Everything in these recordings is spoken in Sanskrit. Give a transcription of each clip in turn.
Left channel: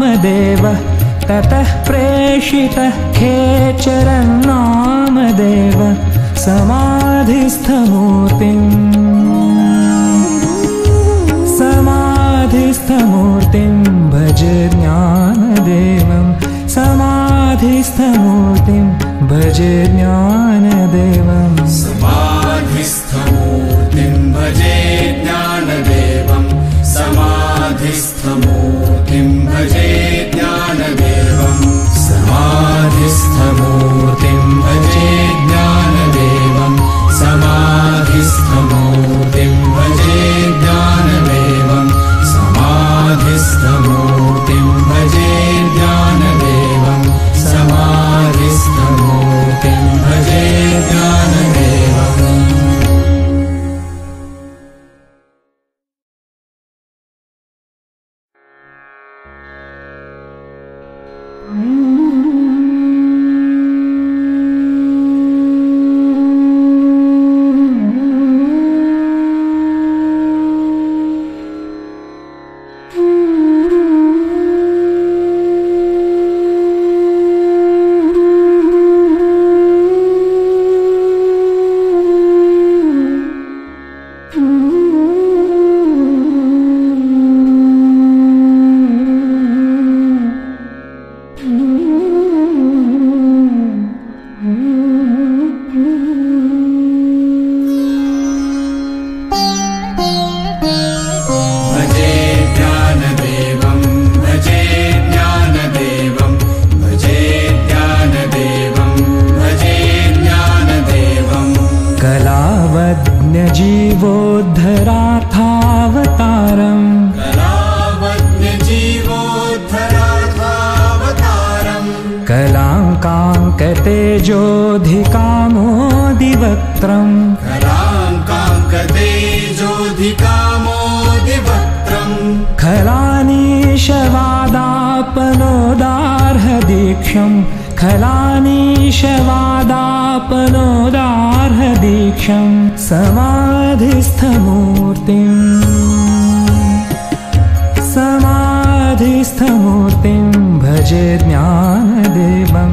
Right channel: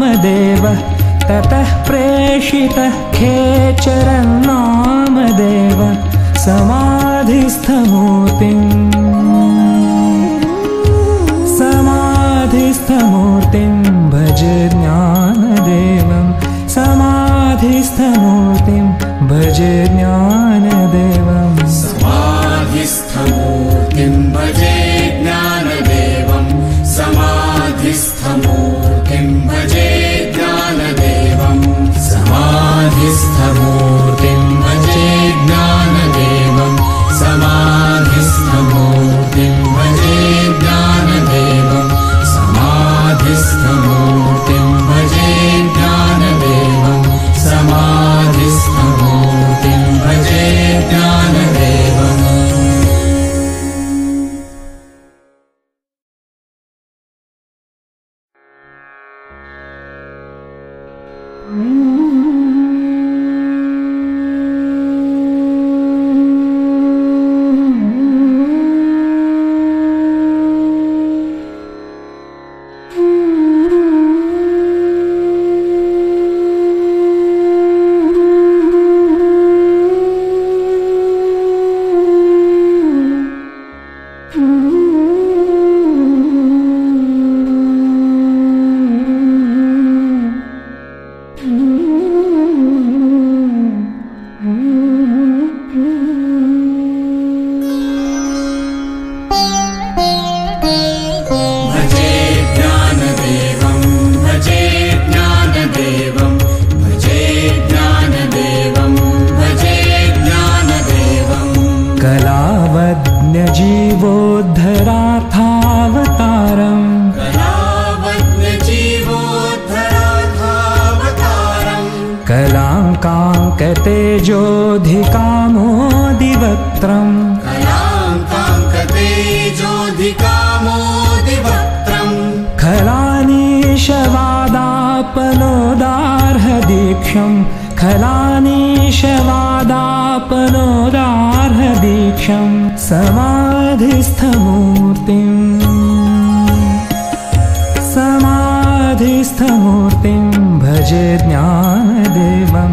नामदेवः ततः प्रेषितः खेचरन्नामदेवः समाधिस्थमूर्तिं भजे ज्ञानदेवं समाधिस्थमूर्तिं भजे ज्ञानदेवं समाधिस्थमूर्तिं भजे ज्ञानदेवं समाधिस्थमूर्तिं भजे ज्ञानदेवं समाधिस्थमूर्तिं भजे ज्ञानदेवं समाधिस्थमूर्तिं भजे ज्ञानदेवं समाधिस्थमूर्तिं भजे ज्ञानदेवं समाधिस्थमूर्तिं भजे ज्ञानदेवम् कलाङ्काङ्कतेजोऽधिकामोदिवक्त्रम् खलानीशवादापनोदार्हदीक्षम् खलानीशवादापनोदार्हदीक्षम् समाधिस्थमूर्तिं भजे ज्ञानदेवं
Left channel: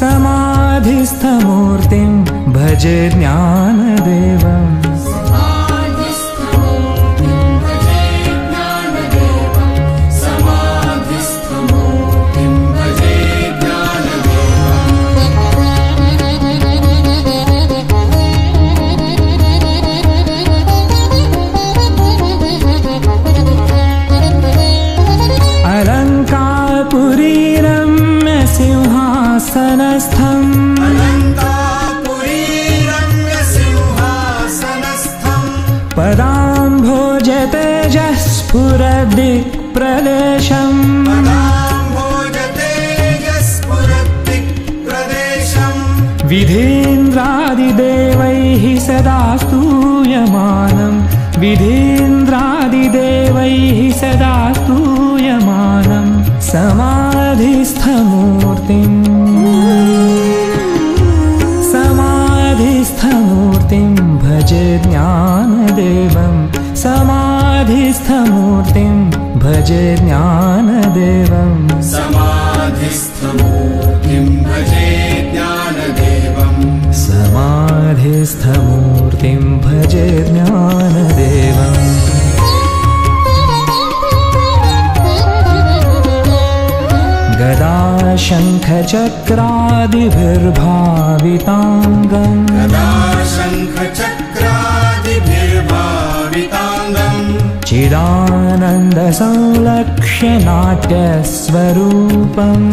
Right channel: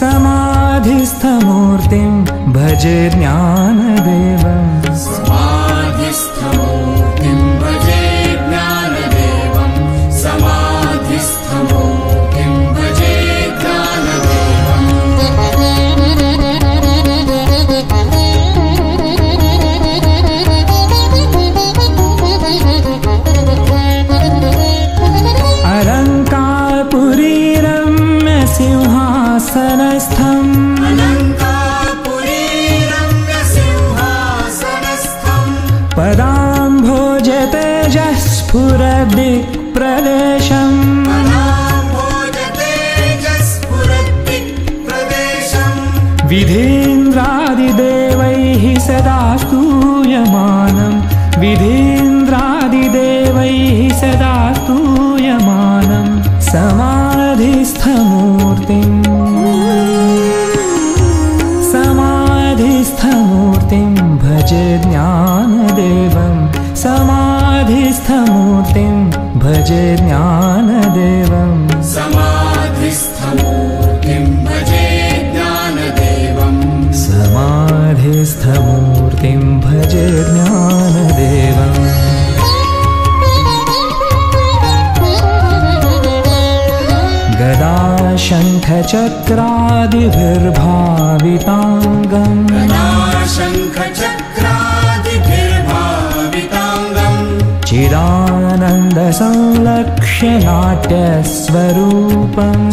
समाधिस्थमूर्तिं भजे ज्ञानदेवं समाधिस्थमूर्तिं भजे ज्ञानदेवं समाधिस्थमूर्तिं भजे अलङ्कारपुरीरम्य सिंहासनस्थम् पदाम्भोजतेजः स्फुरदिक्प्रदेशम् विधीन्द्रादिदेवैः सदा स्तूयमानम् विधीन्द्रादिदेवैः सदा स्तूयमानम् समाधिस्थमूर्तिं भजे ज्ञानदेवं समाधिस्थमूर्तिं भजे ज्ञानदेवं समाधिस्थमूर्तिं भजे ज्ञानदेवं समाधिस्थमूर्तिं भजे ज्ञानदेवम् गदाशङ्खचक्रादिभिर्भाविताङ्गम् चिदानन्दसंलक्ष्य नाट्यस्वरूपम्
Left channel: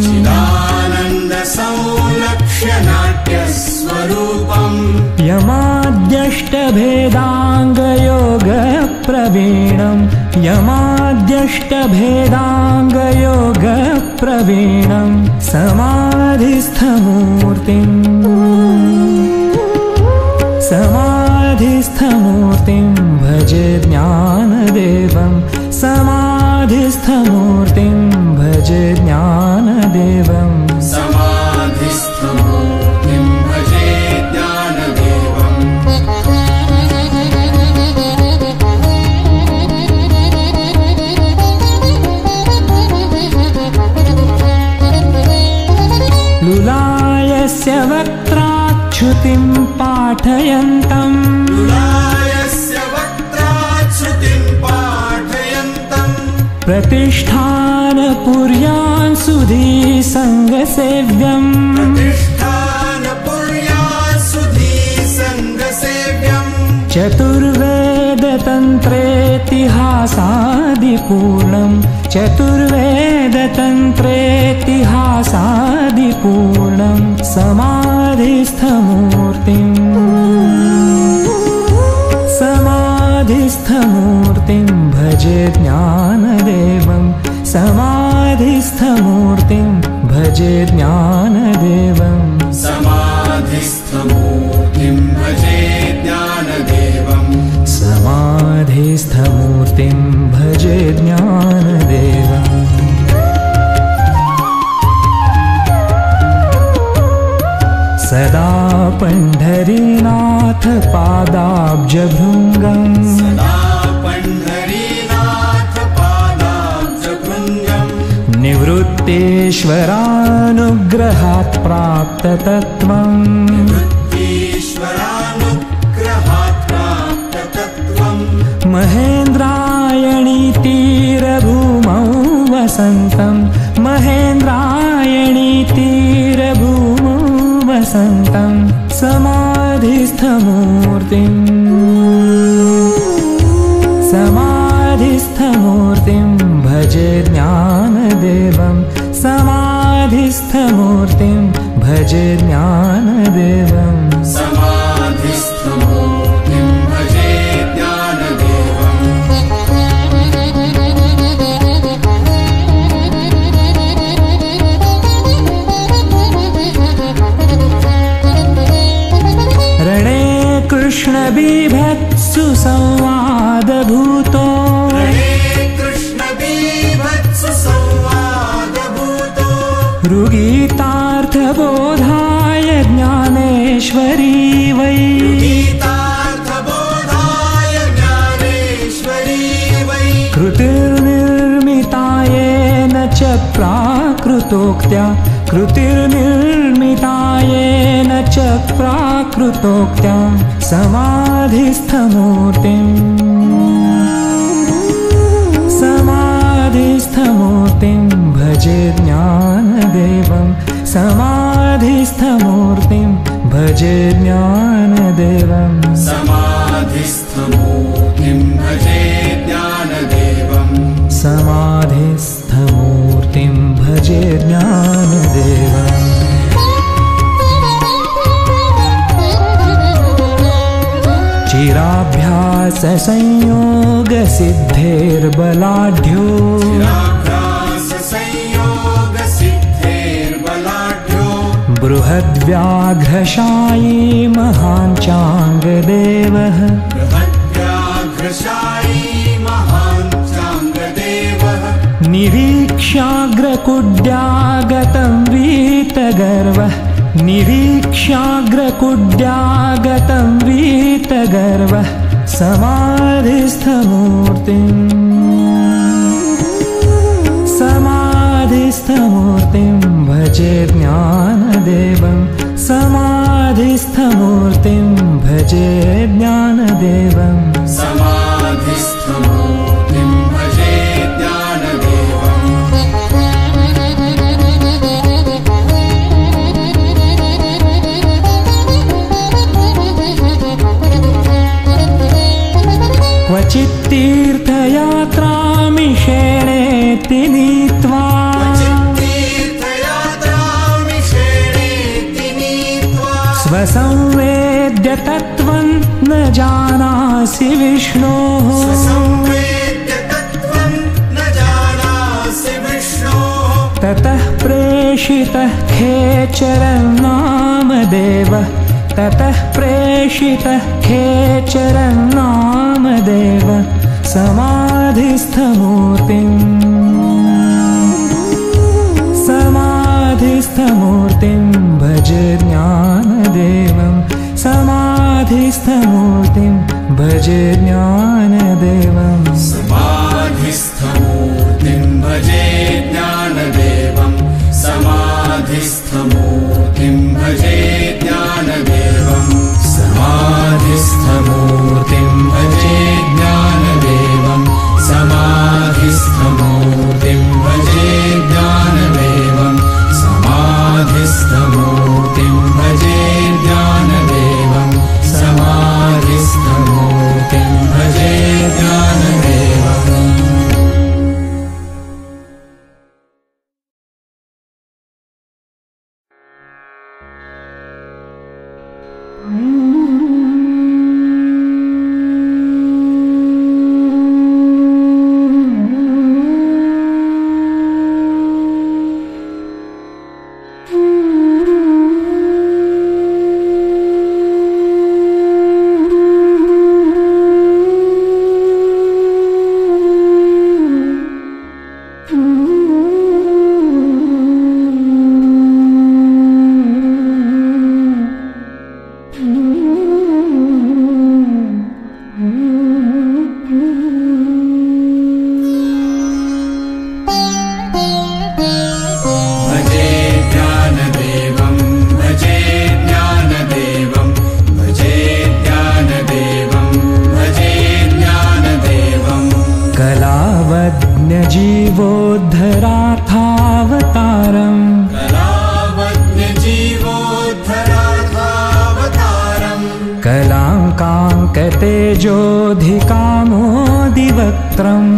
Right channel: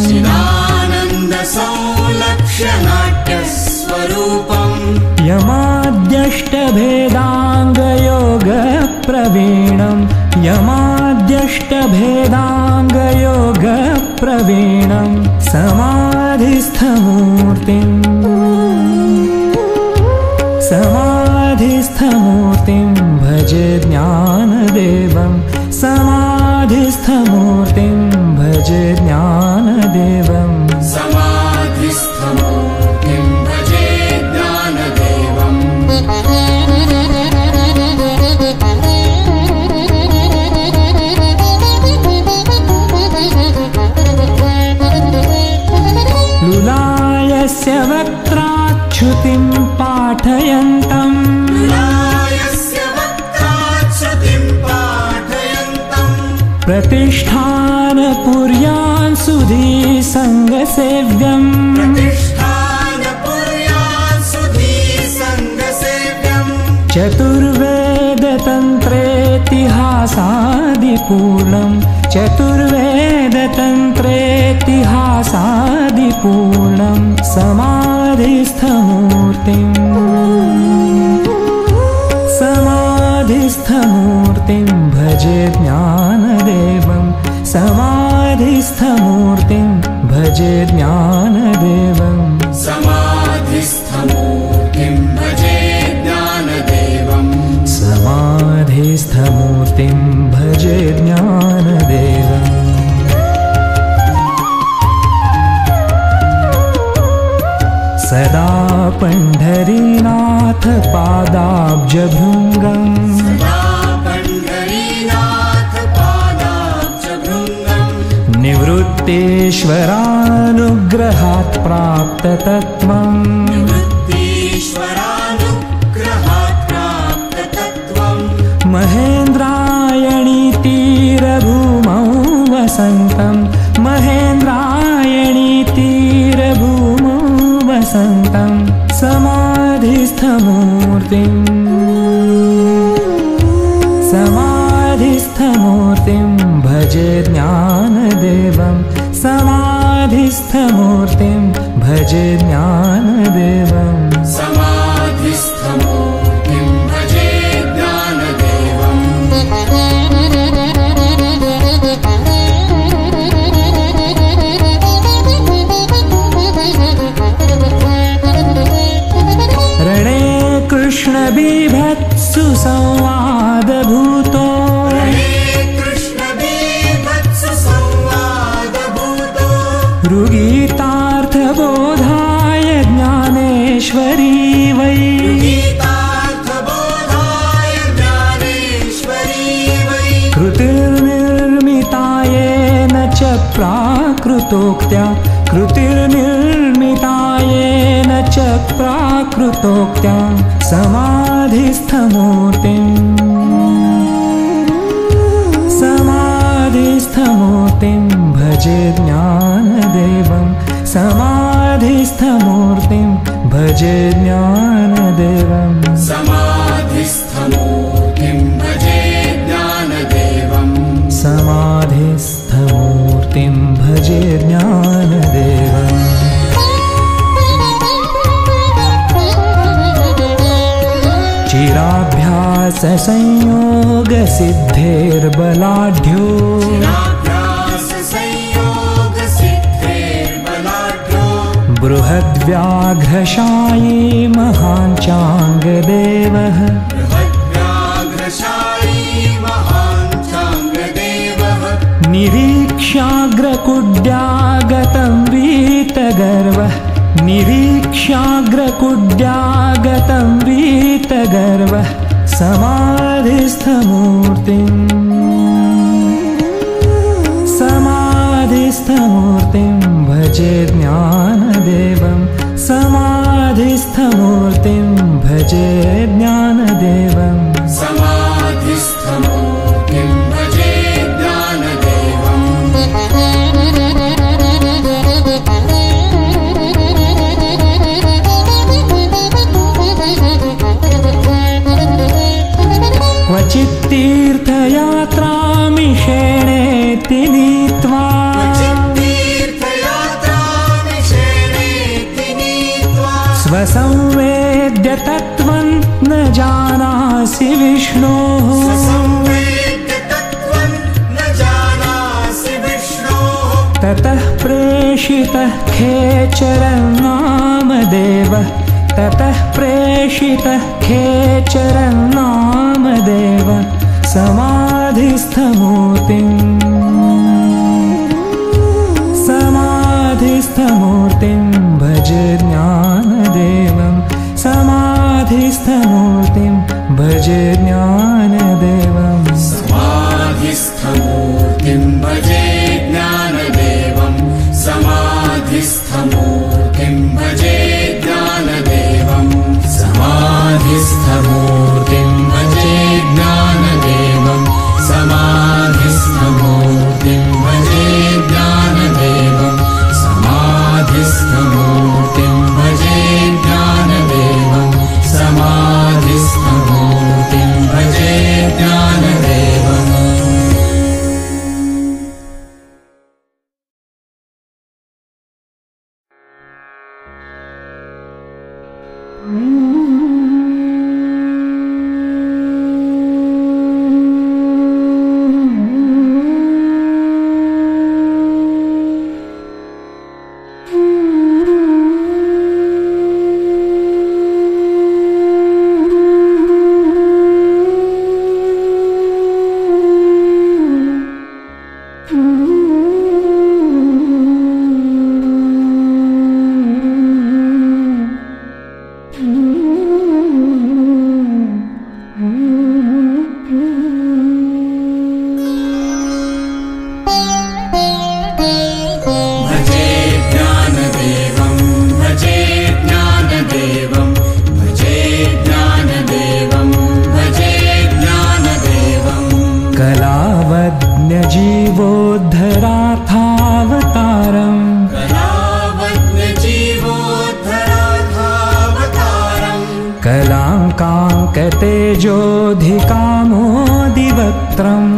यमाद्यष्टभेदाङ्गयोगप्रवीणम् यमाद्यष्टभेदाङ्गयोगप्रवीणम् समाधिस्थमूर्तिं भजे ज्ञानदेवं समाधिस्थमूर्तिं भजे ज्ञानदेवं समाधिस्थमूर्तिं भजे ज्ञानदेवं लुलायस्य वक्त्राच्छ्रुतिं पाठयन्तम् प्रतिष्ठानपुर्यां सुधी सङ्गसेव्यम् चतुर्वेदतन्त्रेतिहासादिपूर्णम् चतुर्वेदतन्त्रेतिहासादिपूर्णम् समाधिस्थमूर्तिं भजे ज्ञानदेवम् समाधिस्थमूर्तिं भजे ज्ञानदेवम् समाधिस्थमूर्तिं भजे ज्ञानदेवम् समाधिस्थमूर्तिं भजे ज्ञानदेवम् सदा पंढरीनाथ पादाब्जभृङ्गम् निवृत्तेश्वरानुग्रहात् प्राप्ततत्त्वम् महेन्द्रायणी तीरभूमौ वसन्तम् महेन्द्रायणी तीरभूमौ वसन्तम् समाधिस्थमूर्तिं भजे ज्ञानदेवम् समाधिस्थमूर्तिं भजे ज्ञानदेवम् समाधिस्थमूर्तिं भजे ज्ञानदेवम् रणे कृष्णबीभत्सु संवादभूतो ऋगीतार्थबोधाय ज्ञानेश्वरी वै कृतिर्निर्मितायेन च प्राकृतोक्त्या कृतिर्निर्मितायेन च प्राकृतोक्त्या समाधिस्थमूर्तिं भजे ज्ञानदेवम् समाधिस्थमूर्तिं भजे ज्ञानदेवम् समाधिस्थमूर्तिं भजे ज्ञानदेवम् समाधिस्थमूर्तिं भजे ज्ञानदेवम् चिराभ्याससंयोगसिद्धेर्बलाढ्यो बृहद्व्याघ्रशायी महाञ्चाङ्गदेवः निरीक्ष्याग्रकुड्यागतं वीतगर्वः निरीक्ष्याग्रकुड्यागतं वीतगर्वः समाधिस्थमूर्तिं भजे ज्ञानदेवम् समाधिस्थमूर्तिं भजे ज्ञानदेवम् समाधिस्थमूर्तिं भजे क्वचित्तीर्थयात्रामिषेणेति नीत्वा स्वसंवेद्य तत्त्वं न जानासि विष्णोः ततः प्रेषितः खेचरं नामदेवः ततः प्रेषितः खेचरं नामदेवः समाधिस्थमूर्तिं भजे ज्ञानदेवम् समाधिस्थमूर्तिं भजे ज्ञानदेवम् समाधिस्थमूर्तिं भजे ज्ञानदेवम् समाधिस्थमूर्तिं खलाङ्काङ्कतेजोऽधिकामोदिवक्त्रम्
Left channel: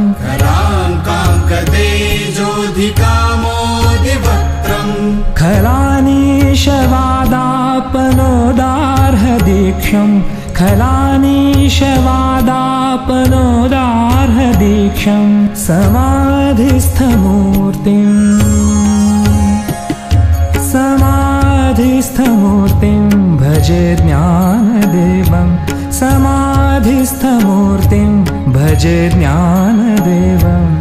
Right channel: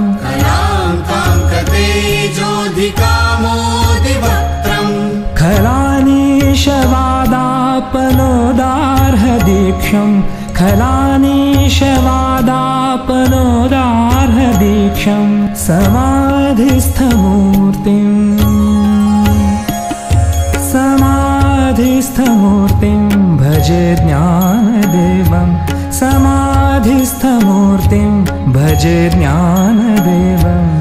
खलानीशवादापनोदार्हदीक्षम् खलानीशवादापनोदार्हदीक्षम् समाधिस्थमूर्तिम् भजे ज्ञानदेवम् समाधिस्थमूर्तिम् भजे ज्ञानदेवम्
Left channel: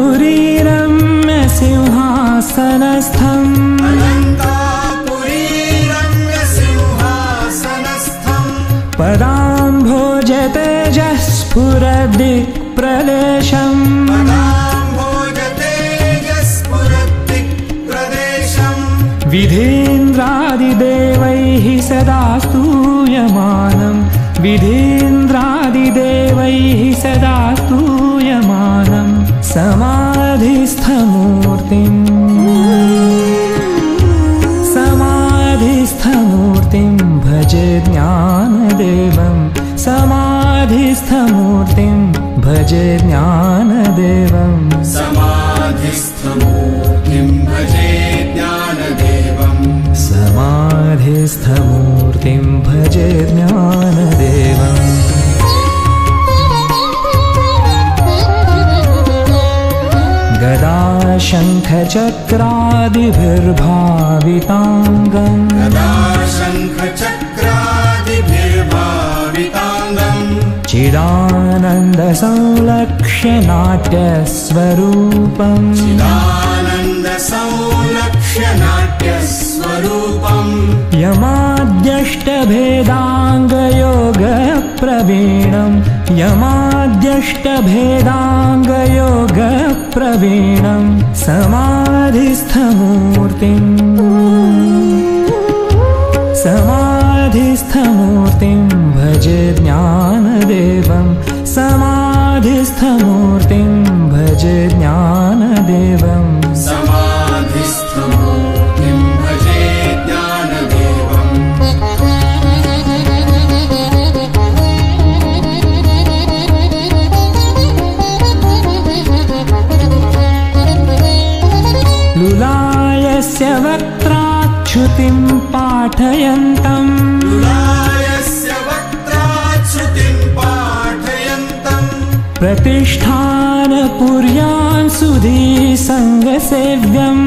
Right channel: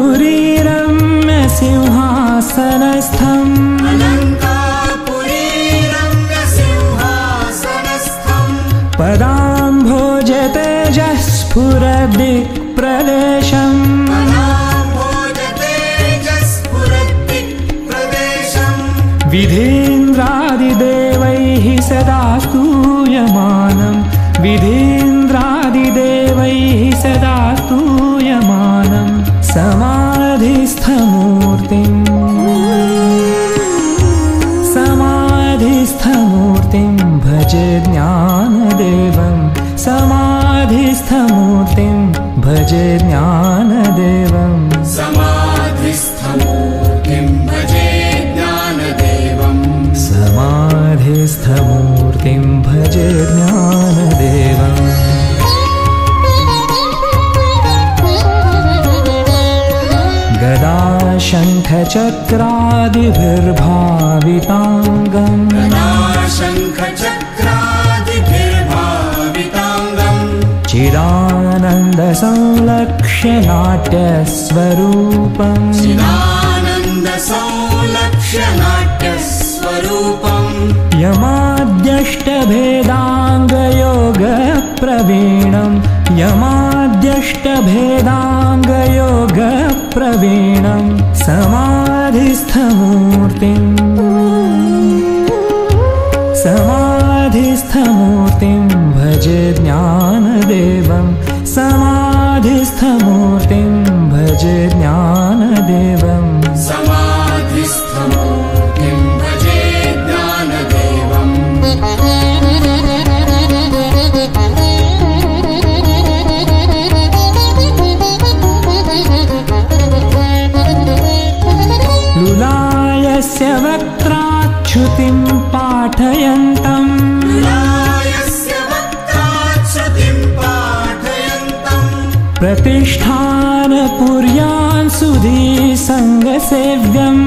अलङ्कारपुरीरम्य सिंहासनस्थम् पदाम्भोजतेजः स्फुरदिक्प्रदेशम् विधीन्द्रादिदेवैः सदा स्तूयमानम् विधीन्द्रादिदेवैः सदा स्तूयमानम् समाधिस्थमूर्तिम् भजे ज्ञानदेवम् समाधिस्थमूर्तिम् भजे ज्ञानदेवम् समाधिस्थमूर्तिम् भजे ज्ञानदेवम् गदाशङ्खचक्रादिभिर्भाविताङ्गम् चिदानन्दसंलक्ष्य नाट्यस्वरूपम् यमाद्यष्टभेदाङ्गयोगप्रवीणम् यमाद्यष्टभेदाङ्गयोगप्रवीणम् समाधिस्थमूर्तिम् भजे ज्ञानदेवम् समाधिस्थमूर्तिम् भजे ज्ञानदेवम् लुलायस्य वक्त्राच्छ्रुतिम् पाठयन्तम् प्रतिष्ठानपुर्यान् सुधीसङ्गसेव्यम्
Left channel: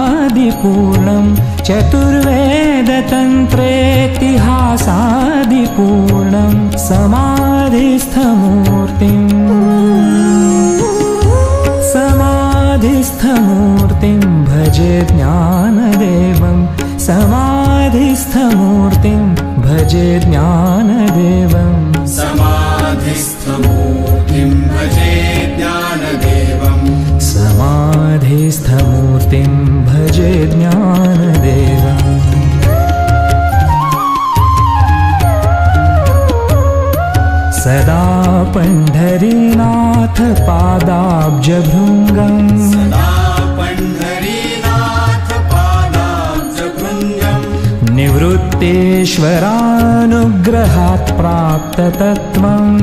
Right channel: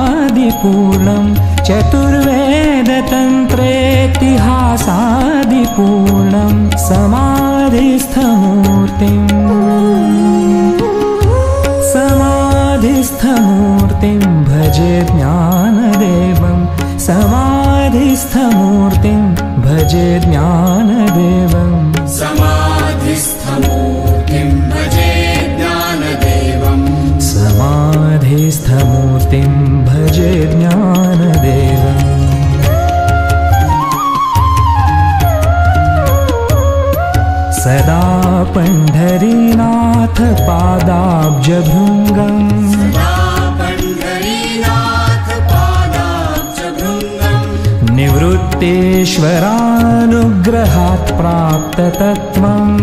चतुर्वेदतन्त्रेतिहासादिपूर्णम् चतुर्वेदतन्त्रेतिहासादिपूर्णम् समाधिस्थमूर्तिम् भजे ज्ञानदेवम् समाधिस्थमूर्तिम् भजे ज्ञानदेवम् समाधिस्थमूर्तिम् भजे ज्ञानदेवम् सदा पण्ढरीनाथ पादाब्जभृङ्गम् निवृत्तेश्वरानुग्रहात् प्राप्ततत्त्वम्